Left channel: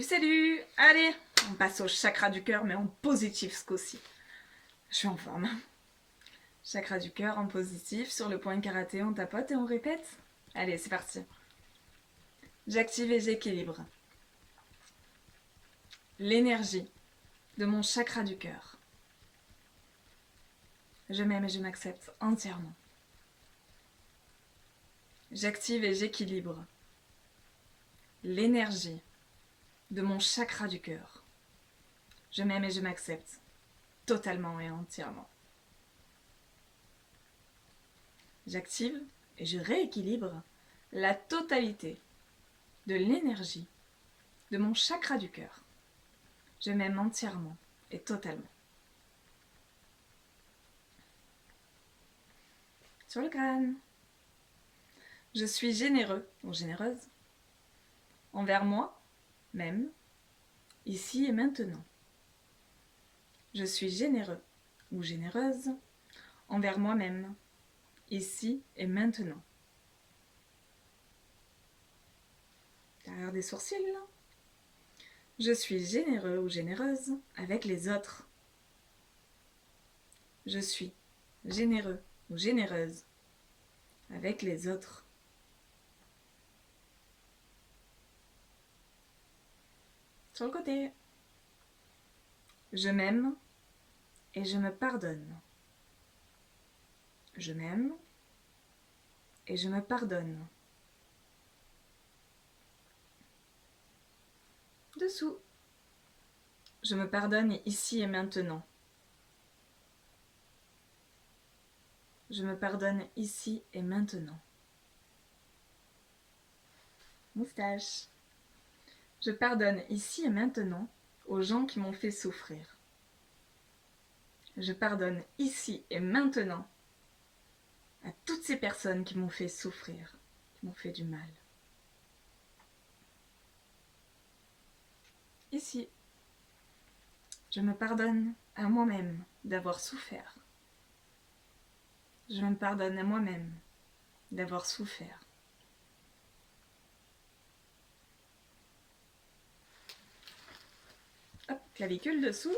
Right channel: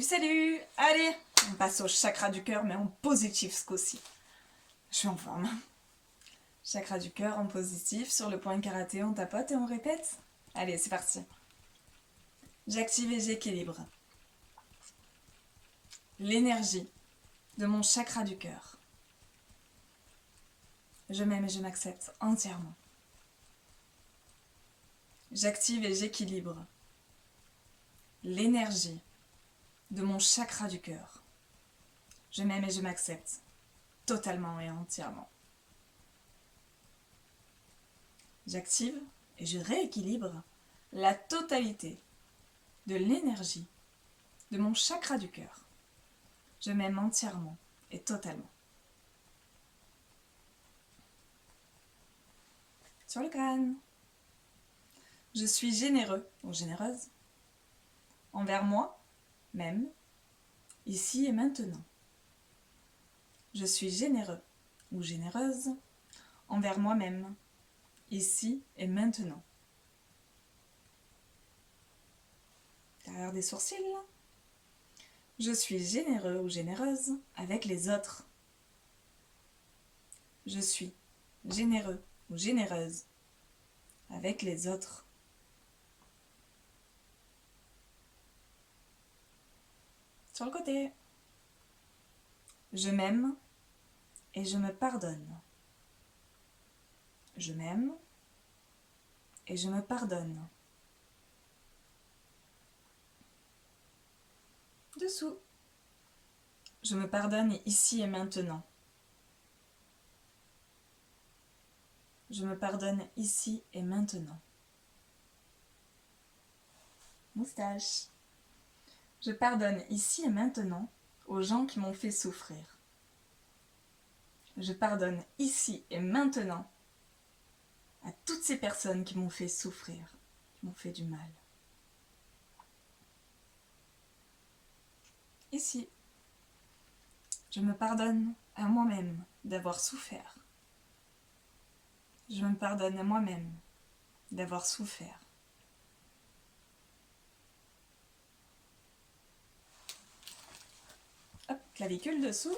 Salut, salut! Allez, on passe au chakra du cœur, mais en positif ce coup-ci. Je suis en forme. Chakra du cœur en positif, sur le point karaté, on tapote et on répète. Allez, c'est parti. J'active et j'équilibre l'énergie de mon chakra du cœur. Je m'aime et je m'accepte entièrement. J'active et j'équilibre l'énergie de mon chakra du cœur. Je m'aime et je m'accepte totalement et entièrement. J'active et je rééquilibre la totalité de l'énergie de mon chakra du cœur. Je m'aime entièrement et totalement. Sur le crâne. Je suis généreux ou généreuse envers moi, même, ici et maintenant. Je suis généreux ou généreuse envers moi-même, ici et maintenant. Derrière des sourcils, là. Je suis généreux ou généreuse avec les autres. Je suis généreux ou généreuse avec les autres. Sur le côté. Je m'aime et je me pardonne. Je m'aime et je me pardonne. Dessous. Je me pardonne ici et maintenant. Je me pardonne ici et maintenant. Moustache. Je pardonne ici et maintenant aux gens qui m'ont fait souffrir. Je pardonne ici et maintenant à toutes ces personnes qui m'ont fait souffrir, qui m'ont fait du mal. Ici, je me pardonne à moi-même d'avoir souffert. Je me pardonne à moi-même d'avoir souffert. Hop, clavicule dessous.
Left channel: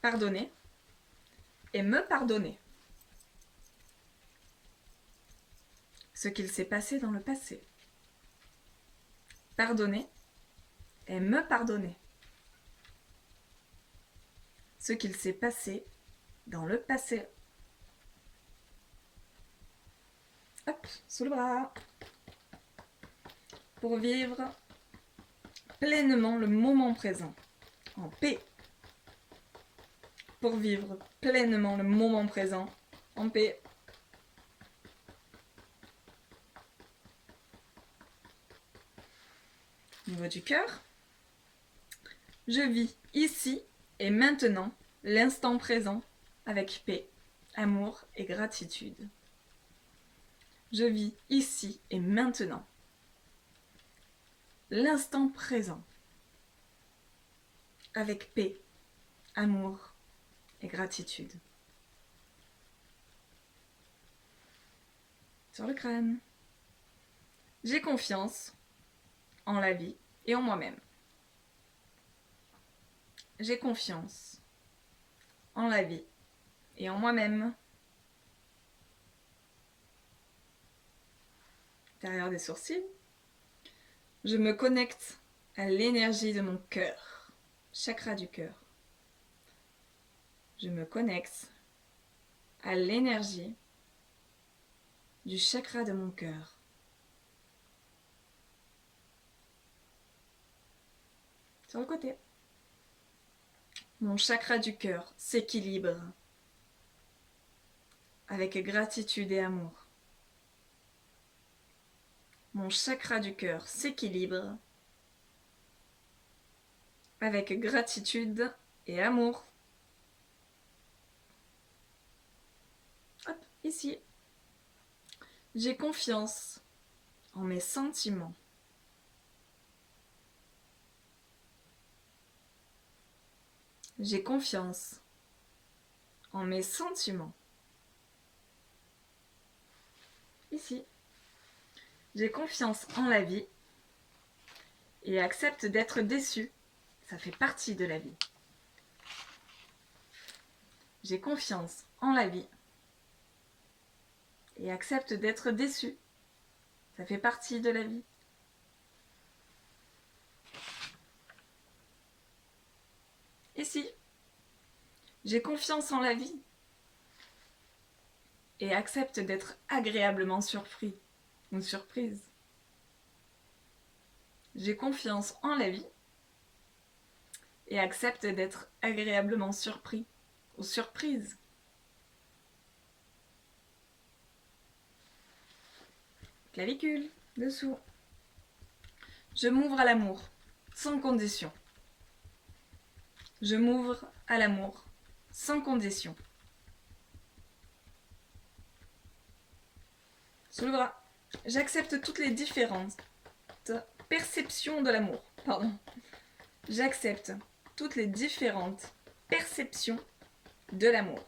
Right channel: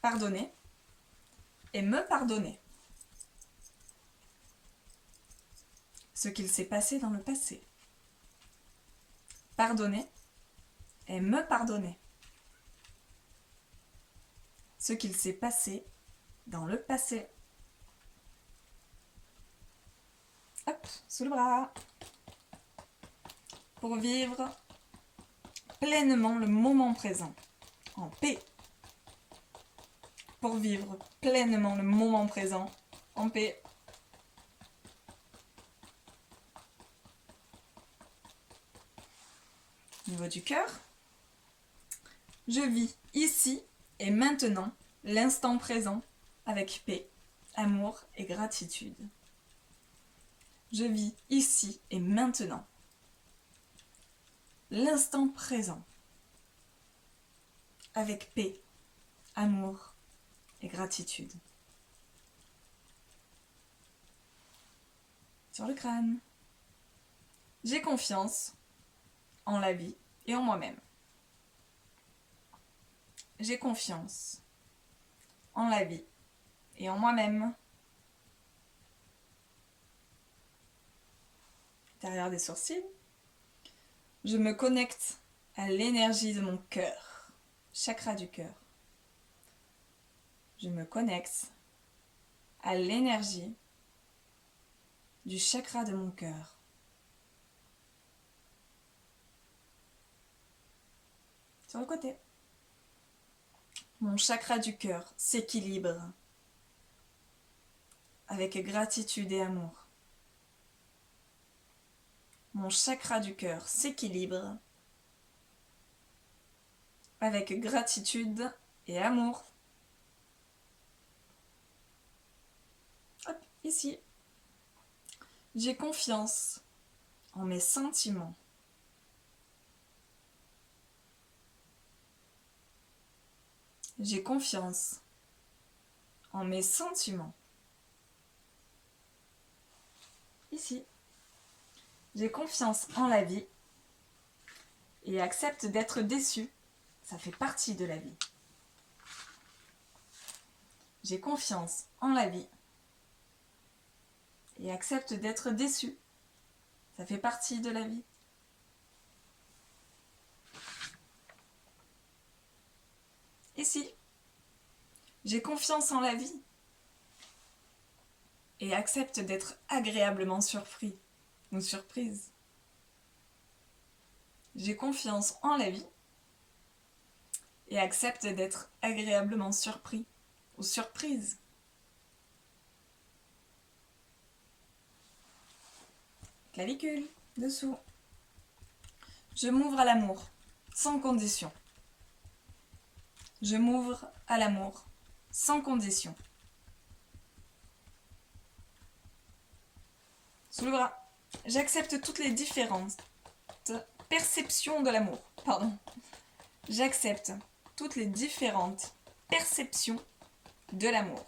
Pardonner et me pardonner. Ce qu'il s'est passé dans le passé. Pardonner et me pardonner. Ce qu'il s'est passé dans le passé. Hop, sous le bras. Pour vivre pleinement le moment présent. En paix. Pour vivre pleinement le moment présent. En paix. Au niveau du cœur. Je vis ici et maintenant l'instant présent avec paix, amour et gratitude. Je vis ici et maintenant l'instant présent avec paix, amour et gratitude. Sur le crâne. J'ai confiance en la vie et en moi-même. J'ai confiance en la vie et en moi-même. Derrière des sourcils. Je me connecte à l'énergie de mon cœur, chakra du cœur. Je me connecte à l'énergie du chakra de mon cœur. Sur le côté. Mon chakra du cœur s'équilibre avec gratitude et amour. Mon chakra du cœur s'équilibre avec gratitude et amour. Hop, ici. J'ai confiance en mes sentiments. J'ai confiance en mes sentiments. Ici. J'ai confiance en la vie et accepte d'être déçu. Ça fait partie de la vie. J'ai confiance en la vie et accepte d'être déçu. Ça fait partie de la vie. Ici, j'ai confiance en la vie et accepte d'être agréablement surpris ou surprise. J'ai confiance en la vie et accepte d'être agréablement surpris ou surprise. Clavicule, dessous. Je m'ouvre à l'amour, sans condition. Je m'ouvre à l'amour, sans condition. Sous le bras. J'accepte toutes les différentes perceptions de l'amour. Pardon. J'accepte toutes les différentes perceptions de l'amour.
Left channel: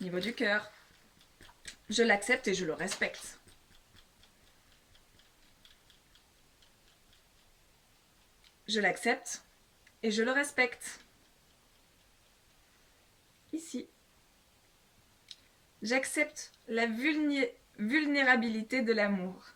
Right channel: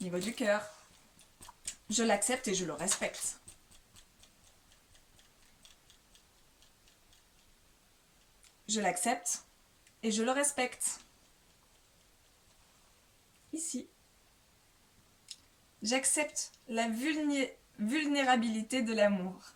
Niveau du cœur. Je l'accepte et je le respecte. Je l'accepte et je le respecte. Ici. J'accepte la vulnérabilité de l'amour.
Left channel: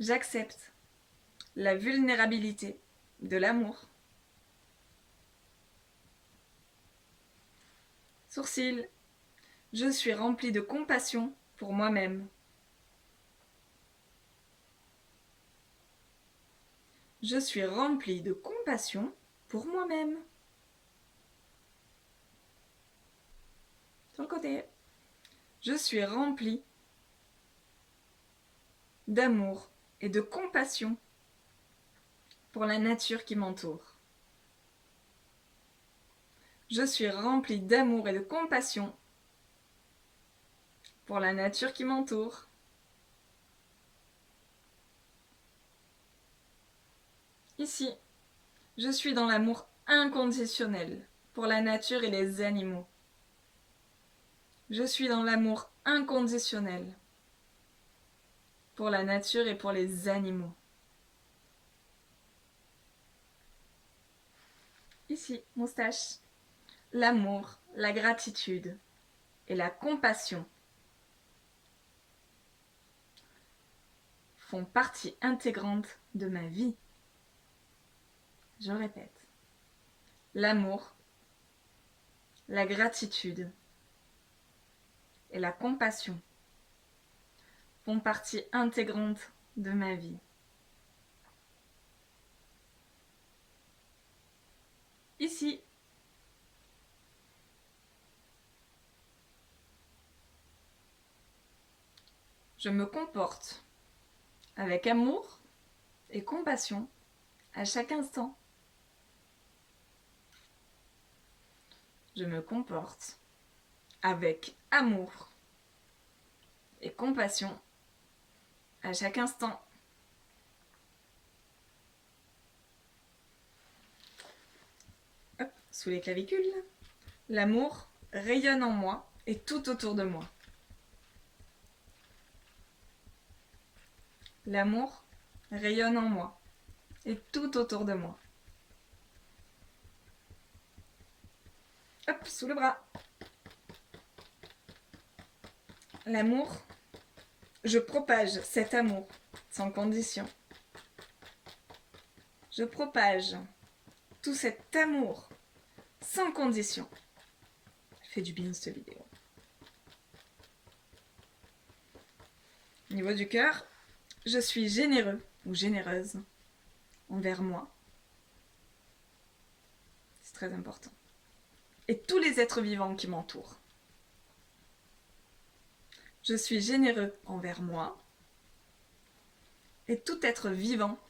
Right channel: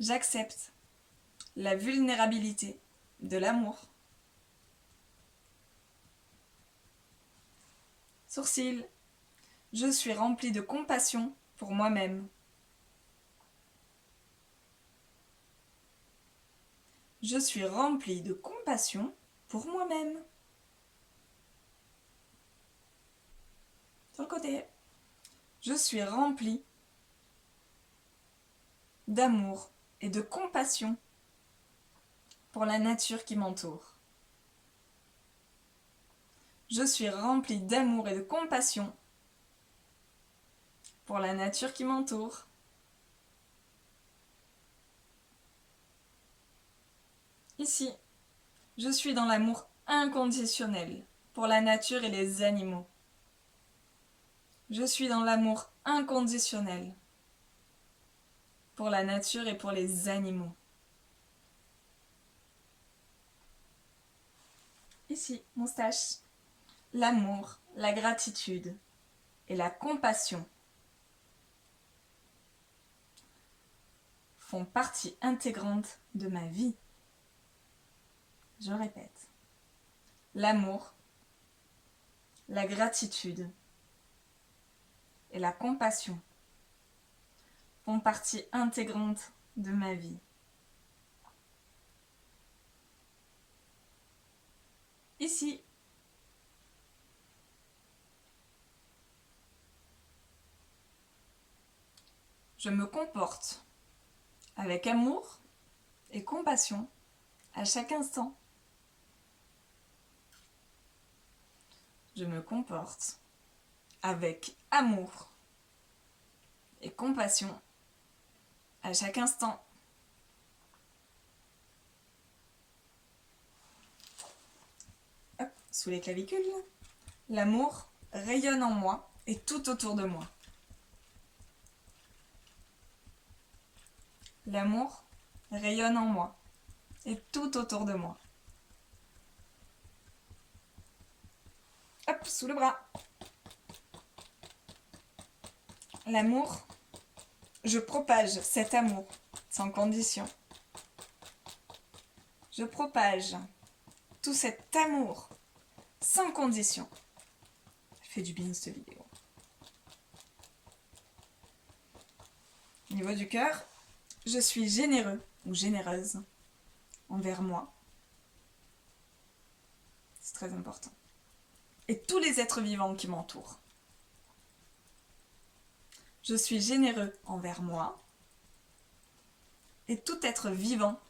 J'accepte la vulnérabilité de l'amour. Sourcils. Je suis remplie de compassion pour moi-même. Je suis remplie de compassion pour moi-même. Sur le côté. Je suis remplie d'amour et de compassion pour la nature qui m'entoure. Je suis remplie d'amour et de compassion pour la nature qui m'entoure. Ici, je suis dans l'amour inconditionnel pour la nature et les animaux. Je suis dans l'amour inconditionnel pour la nature et pour les animaux. Ici, moustache. L'amour, la gratitude et la compassion font partie intégrante de ma vie. Je répète. L'amour, la gratitude et la compassion font partie intégrante de ma vie. Ici, je me comporte avec amour et compassion à chaque instant. Je me comporte avec amour et compassion à chaque instant. Hop, sous les clavicules. L'amour rayonne en moi et tout autour de moi. L'amour rayonne en moi et tout autour de moi. Hop, sous le bras. L'amour, je propage cet amour sans condition. Je propage tout cet amour sans condition. Fait du bien cette vidéo. Au niveau du cœur, je suis généreux ou généreuse envers moi. C'est très important. Et tous les êtres vivants qui m'entourent. Je suis généreux envers moi et tout être vivant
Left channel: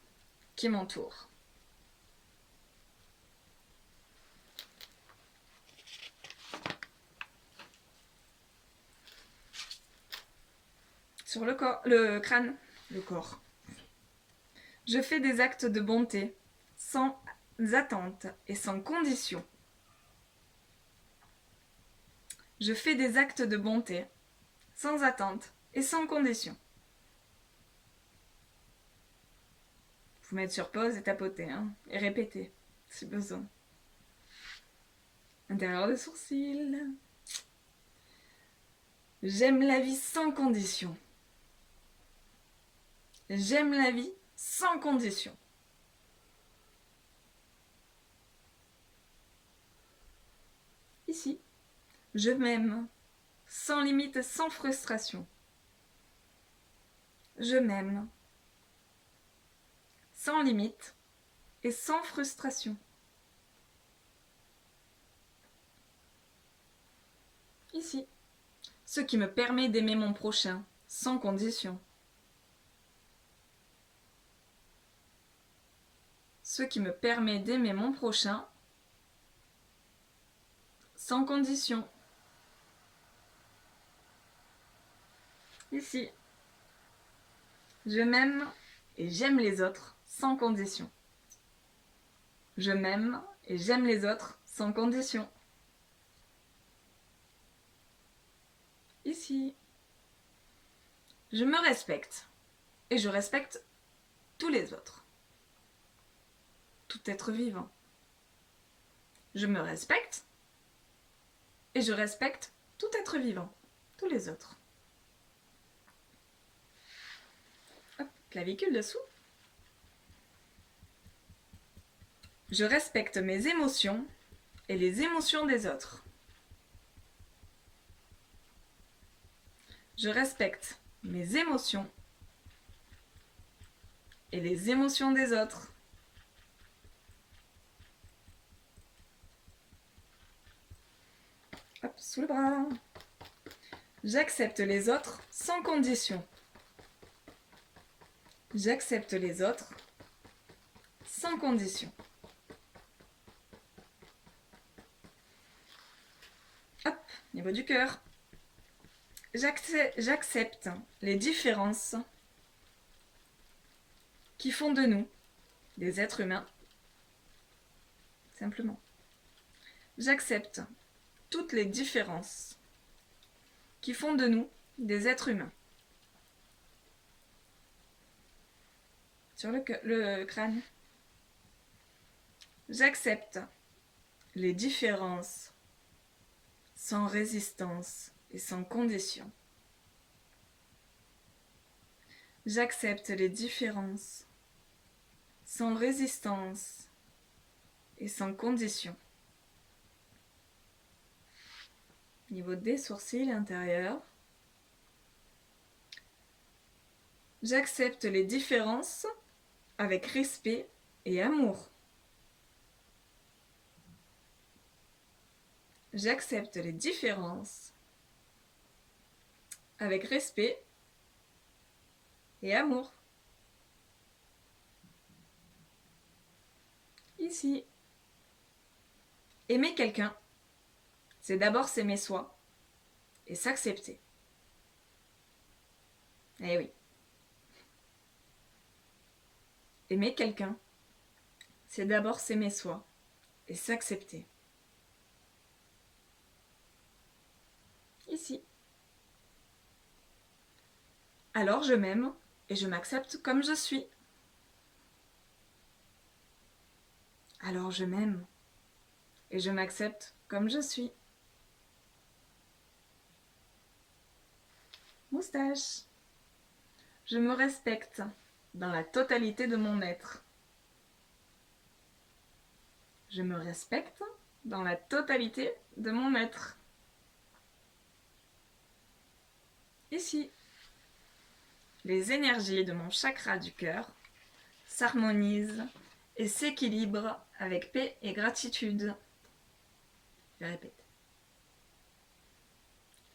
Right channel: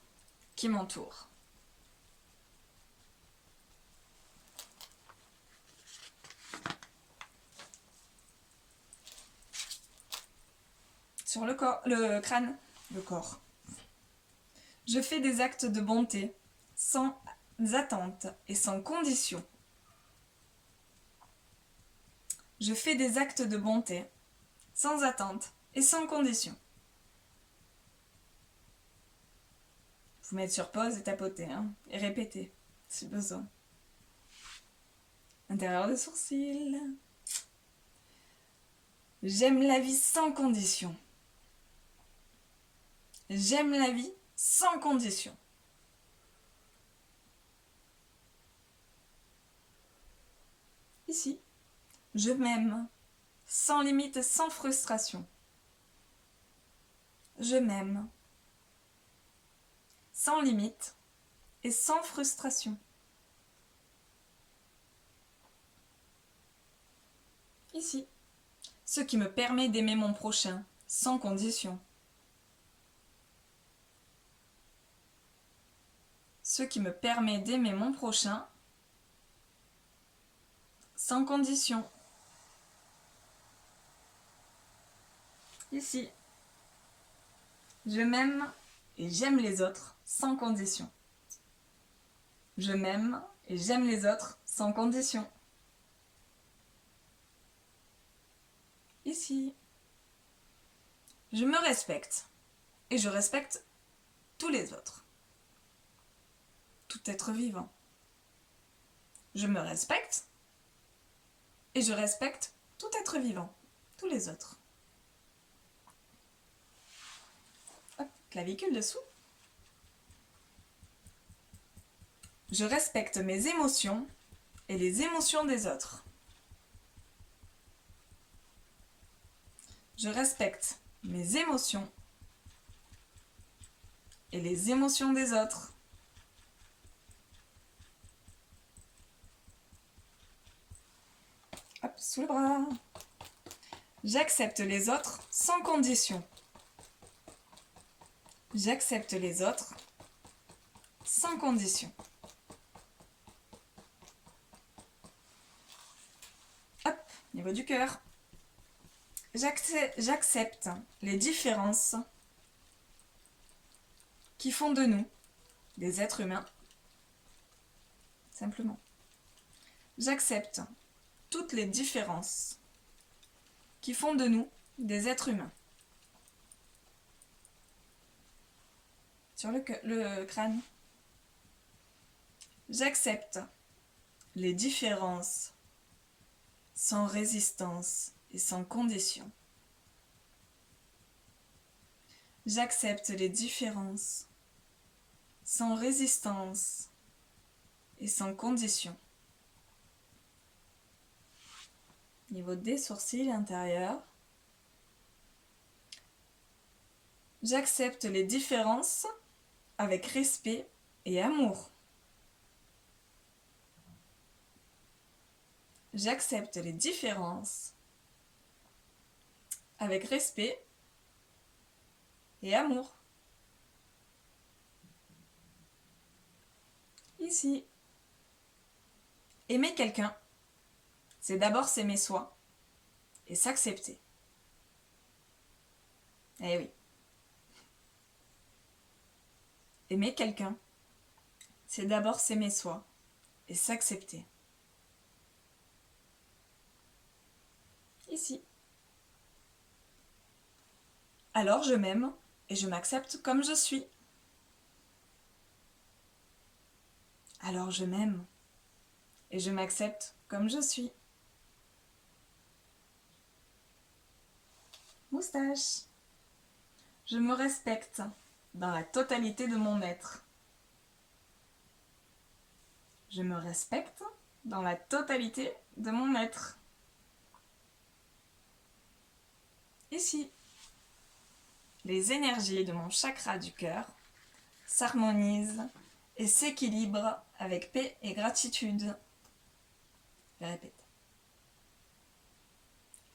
qui m'entoure. Sur le corps, le crâne, le corps. Je fais des actes de bonté sans attente et sans condition. Je fais des actes de bonté sans attente et sans condition. Vous mettre sur pause et tapoter, hein, et répéter si besoin. Intérieur des sourcils. J'aime la vie sans condition. J'aime la vie sans condition. Ici, je m'aime sans limite, sans frustration. Je m'aime sans limite et sans frustration. Ici, ce qui me permet d'aimer mon prochain sans condition. Ce qui me permet d'aimer mon prochain sans condition. Ici, je m'aime et j'aime les autres sans condition. Je m'aime et j'aime les autres sans condition. Ici, je me respecte et je respecte tous les autres. Tout être vivant. Je me respecte et je respecte tout être vivant, tous les autres. Hop, clavicule dessous. Je respecte mes émotions et les émotions des autres. Je respecte mes émotions et les émotions des autres. Hop, sous le bras. J'accepte les autres sans condition. J'accepte les autres sans condition. Hop, niveau du cœur. J'accepte les différences qui font de nous des êtres humains. Simplement. J'accepte toutes les différences qui font de nous des êtres humains. Sur le crâne. J'accepte les différences sans résistance et sans condition. J'accepte les différences sans résistance et sans condition. Niveau des sourcils intérieurs. J'accepte les différences avec respect et amour. J'accepte les différences avec respect et amour. Ici. Aimer quelqu'un, c'est d'abord s'aimer soi et s'accepter. Eh oui. Aimer quelqu'un, c'est d'abord s'aimer soi et s'accepter. Ici. Alors je m'aime et je m'accepte comme je suis. Alors je m'aime et je m'accepte comme je suis. Moustache. Je me respecte dans la totalité de mon être. Je me respecte dans la totalité de mon être. Ici. Les énergies de mon chakra du cœur s'harmonisent et s'équilibrent avec paix et gratitude. Je répète.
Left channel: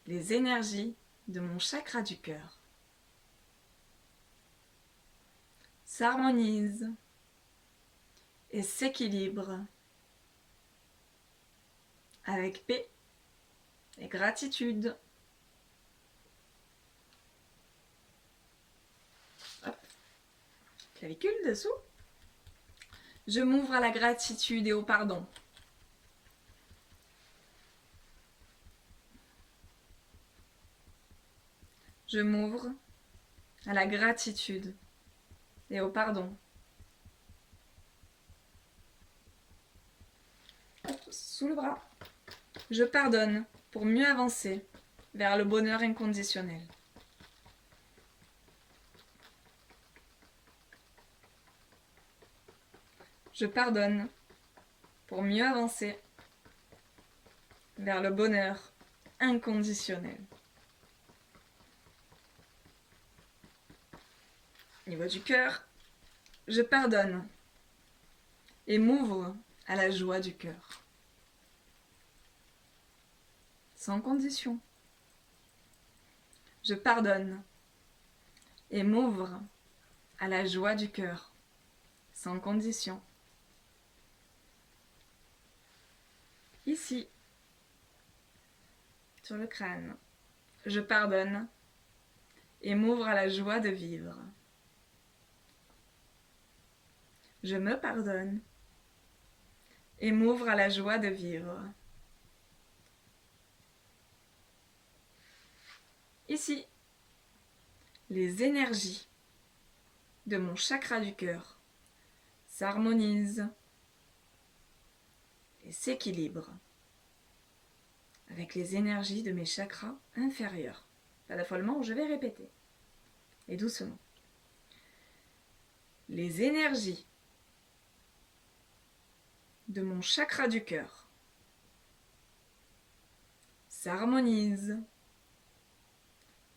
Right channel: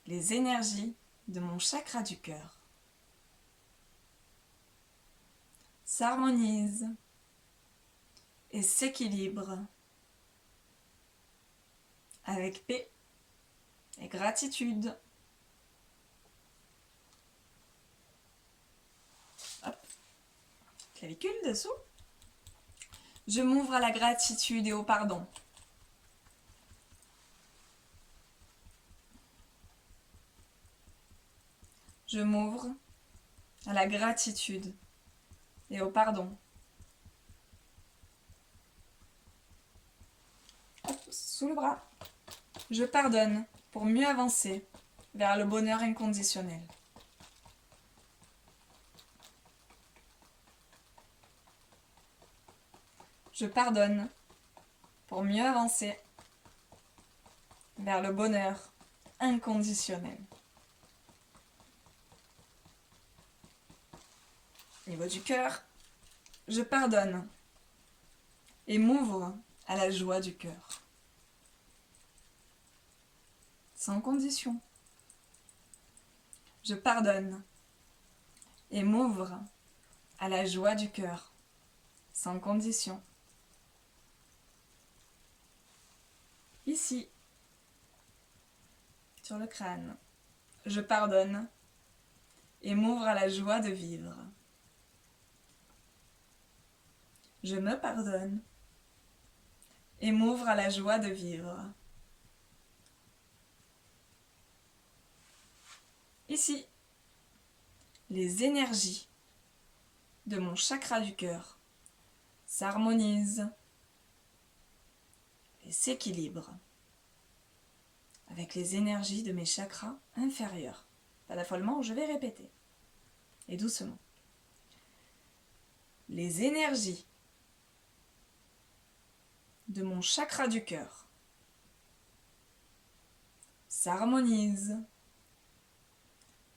Les énergies de mon chakra du cœur s'harmonisent et s'équilibrent avec paix et gratitude. Hop. Clavicule dessous. Je m'ouvre à la gratitude et au pardon. Je m'ouvre à la gratitude et au pardon. Hop, sous le bras. Je pardonne pour mieux avancer vers le bonheur inconditionnel. Je pardonne pour mieux avancer vers le bonheur inconditionnel. Au niveau du cœur, je pardonne et m'ouvre à la joie du cœur. Sans condition. Je pardonne et m'ouvre à la joie du cœur. Sans condition. Ici, sur le crâne, je pardonne et m'ouvre à la joie de vivre. Je me pardonne et m'ouvre à la joie de vivre. Ici, les énergies de mon chakra du cœur s'harmonisent et s'équilibrent avec les énergies de mes chakras inférieurs. Pas d'affolement, je vais répéter. Et doucement. Les énergies de mon chakra du cœur s'harmonisent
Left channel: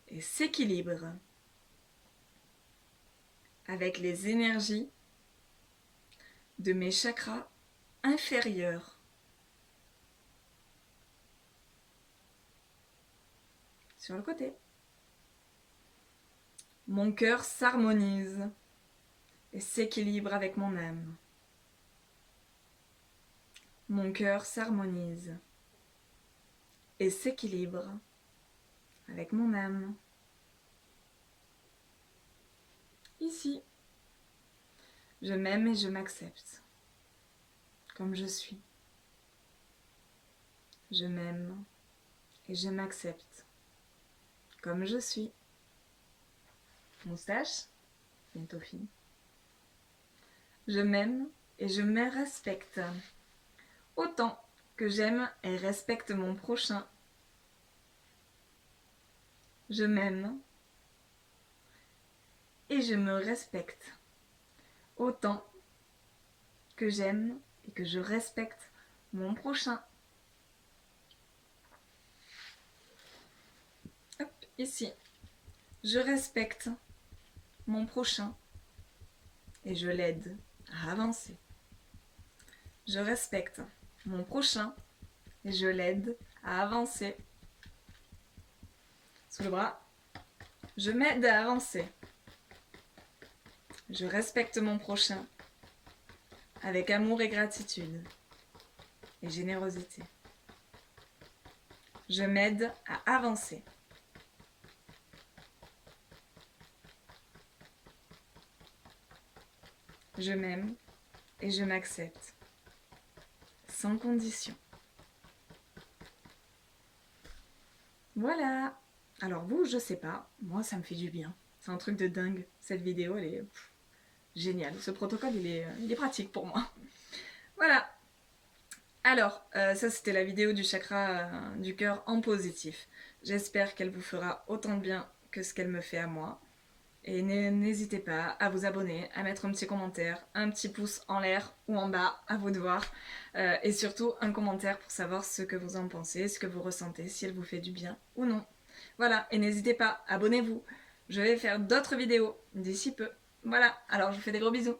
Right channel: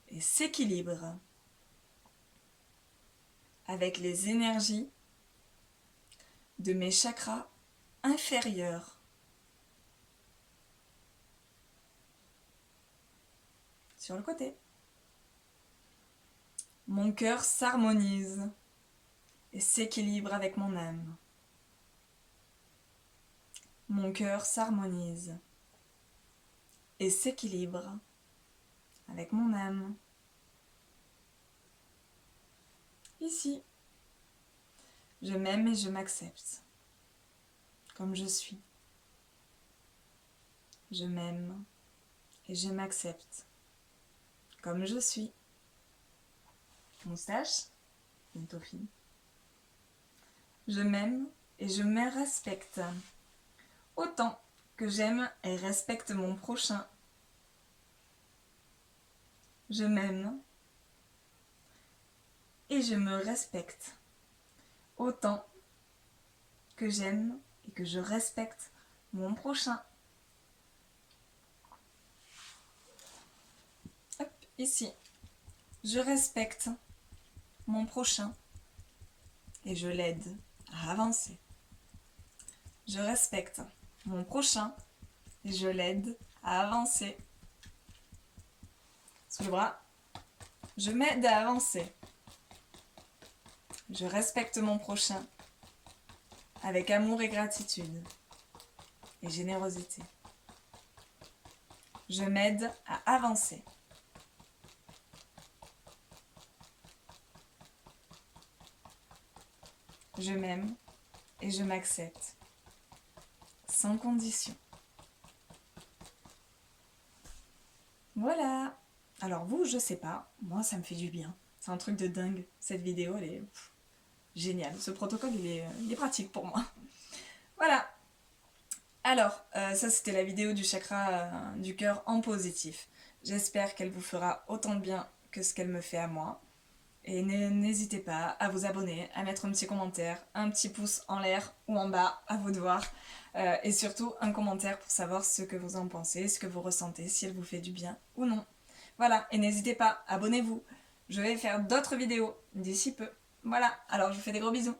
et s'équilibrent avec les énergies de mes chakras inférieurs. Sur le côté. Mon cœur s'harmonise et s'équilibre avec mon âme. Mon cœur s'harmonise et s'équilibre avec mon âme. Ici, je m'aime et je m'accepte comme je suis. Je m'aime et je m'accepte comme je suis. Moustache, bientôt fini. Je m'aime et je me respecte autant que j'aime et respecte mon prochain. Je m'aime et je me respecte autant que j'aime et que je respecte mon prochain. Hop, ici. Je respecte mon prochain et je l'aide à avancer. Je respecte mon prochain et je l'aide à avancer. Sous le bras, je m'aide à avancer. Je respecte mon prochain avec amour et gratitude et générosité. Je m'aide à avancer. Je m'aime et je m'accepte sans condition. Voilà. Alors vous, je sais pas, moi ça me fait du bien. C'est un truc de dingue. Cette vidéo, elle est géniale. Ce protocole, il est pratique pour moi. Voilà. Alors, ça c'était la vidéo du chakra du cœur en positif. J'espère qu'elle vous fera autant de bien que ce qu'elle me fait à moi. Et n'hésitez pas à vous abonner, à mettre un petit commentaire, un petit pouce en l'air ou en bas, à vous de voir. Et surtout un commentaire pour savoir ce que vous en pensez, ce que vous ressentez, si elle vous fait du bien ou non. Voilà, et n'hésitez pas, abonnez-vous. Je vais faire d'autres vidéos d'ici peu. Voilà, alors je vous fais des gros bisous.